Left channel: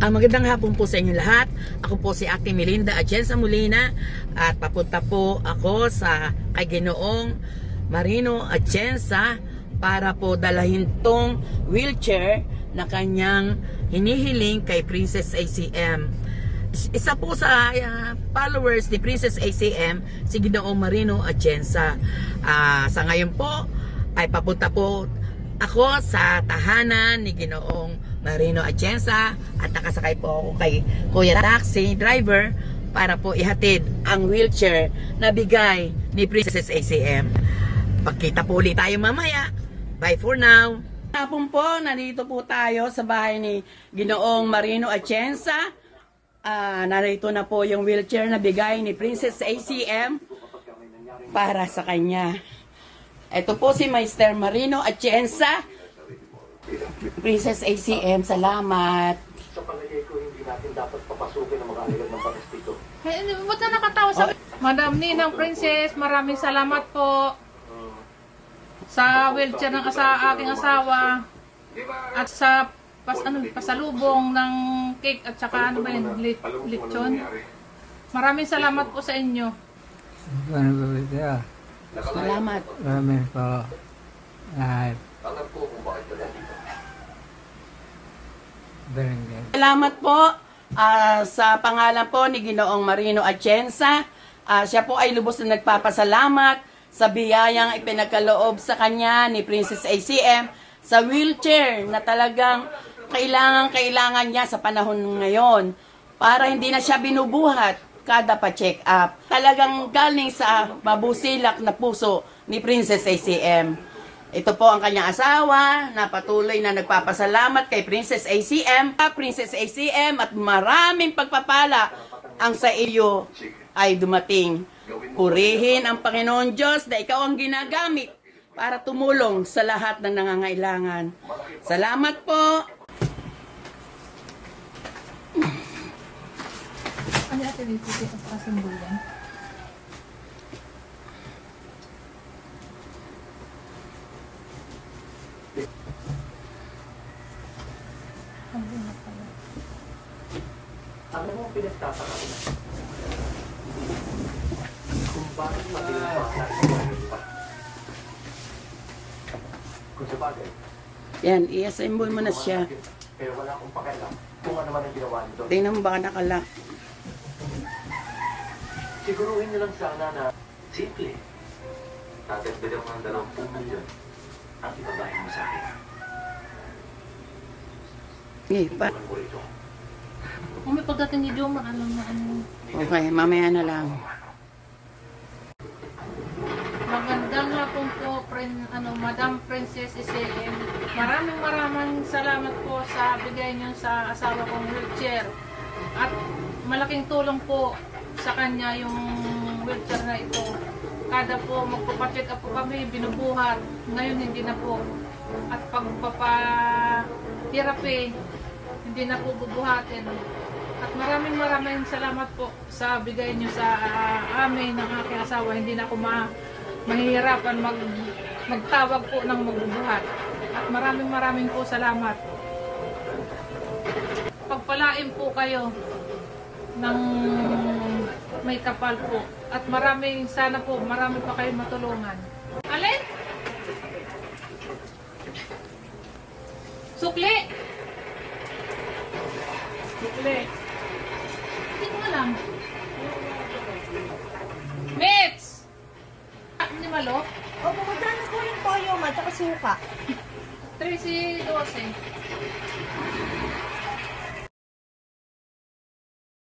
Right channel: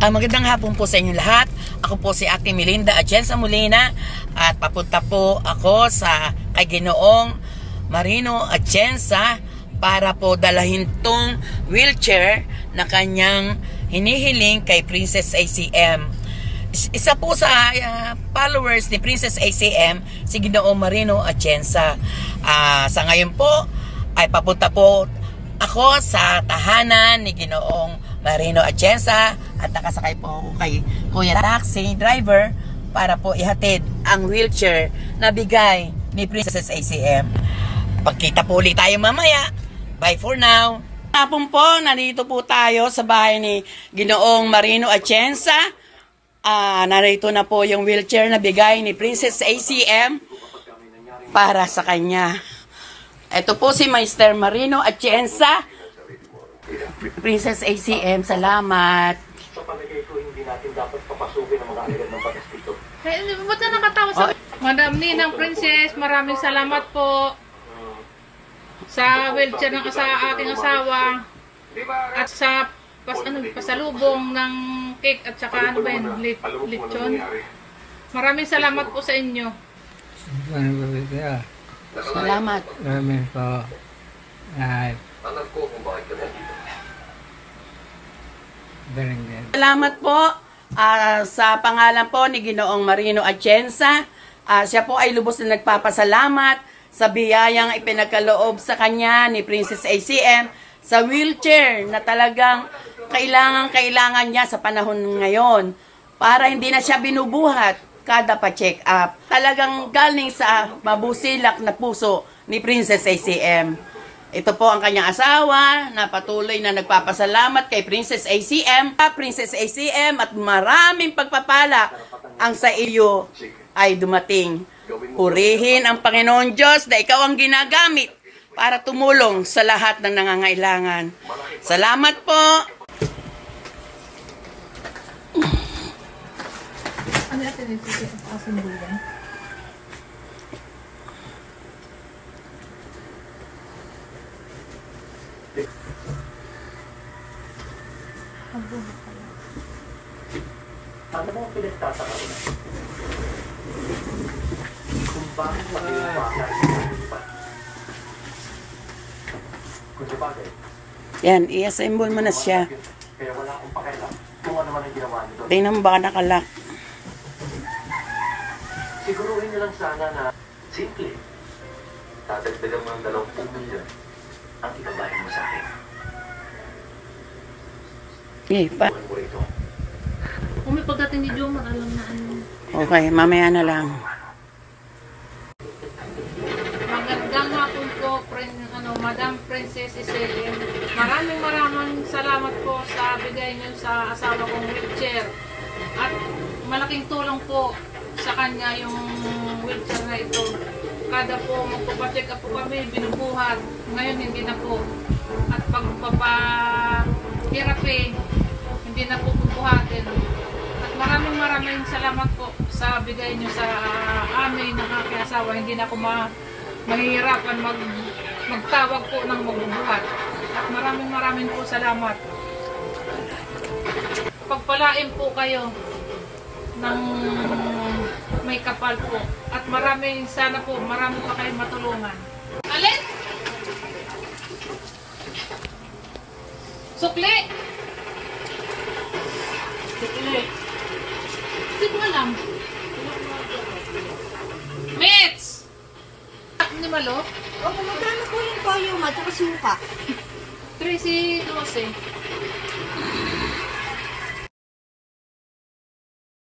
Magandang hapon po sa inyo lahat. Ako po si Ate Melinda Atienza Molina at papunta po ako sa kay Ginoong Marino Atienza para po dalahin tong wheelchair na kanyang hinihiling kay Princess ACM. Isa po sa followers ni Princess ACM, si Ginoong Marino Atienza. Sa ngayon po ay papunta po ako sa tahanan ni Ginoong Marino Atienza at nakasakay po ako kay Kuya Taxi Driver para po ihatid ang wheelchair na bigay ni Princess ACM. Pagkita po ulit tayo mamaya. Bye for now. Hapon po, nandito po tayo sa bahay ni Ginoong Marino Atienza. Narito na po yung wheelchair na bigay ni Princess ACM para sa kanya. Ito po si Mr. Marino Atienza. Princess ACM, salamat. Sa palagay ko, hindi natin dapat papasukin ang mga alagad ng batas dito. Ba't na nakatawa sa... Madam Ninang Princess, maraming salamat po sa wheelchair ng aking asawa at sa pasalubong ng cake at saka ano ba yun, lechon. Maraming salamat po sa inyo. Salamat. Maraming po. Alam ko kung bakit ka dito. Salamat po sa pangalan po ni Ginoong Marino Atienza. Siya po ay lubos na nagpapasalamat sa biyayang ipinagkaloob sa kanya ni Princess ACM sa wheelchair na talagang kailangan niya sa panahon ngayon para hindi na siya binubuhat kada pa-check up. Talagang galing sa mabusilak na puso ni Princess ACM. Ito po ang kanyang asawa na patuloy na nagpapasalamat kay Princess ACM. Princess ACM, at maraming pagpapala ang sa iyo ay dumating. Purihin ang Panginoon Diyos na ikaw ang ginagamit para tumulong sa lahat ng nangangailangan. Salamat po. Ano natin dito sa asambulan? Ano mo pinagtataka ko na? Kung bakit makinupakan ang lipat? Kung sa bagay. Yan, i-assemble mo na siya. Kaya wala akong pakialam kung ano man ang ginawa nito. Tingnan mo baka nakalak. Siguruhin nilang sana na simple. Tatagdagan mo ng 20 milyon ang itabahin mo sa akin. Tuwan mo rito. Kung may pagdating ni Jomar, alam na ano. Okay, mamaya na lang. Magandang hapon po, Madam Princess ACM. Maraming salamat po sa bigay niyo sa asawa kong wheelchair. At malaking tulong po sa kanya yung wheelchair na ito. Kada po magpapacheck up po kami, binubuhat. Ngayon hindi na po. At pagpapahirapi, hindi na po bubuhatin. At maraming salamat po sa bigay niyo sa amin ng aking asawa. Hindi na ako mahihirapan magtawag po ng magbubuhat. At maraming po salamat. Pagpalain po kayo ng may kapal po. At sana po marami pa kayong matulungan. Alin? Sukli! Sukli. Hindi ko alam. Mits! Hindi malo? Opo, magkano po yung toyo at saka suka? 13.12.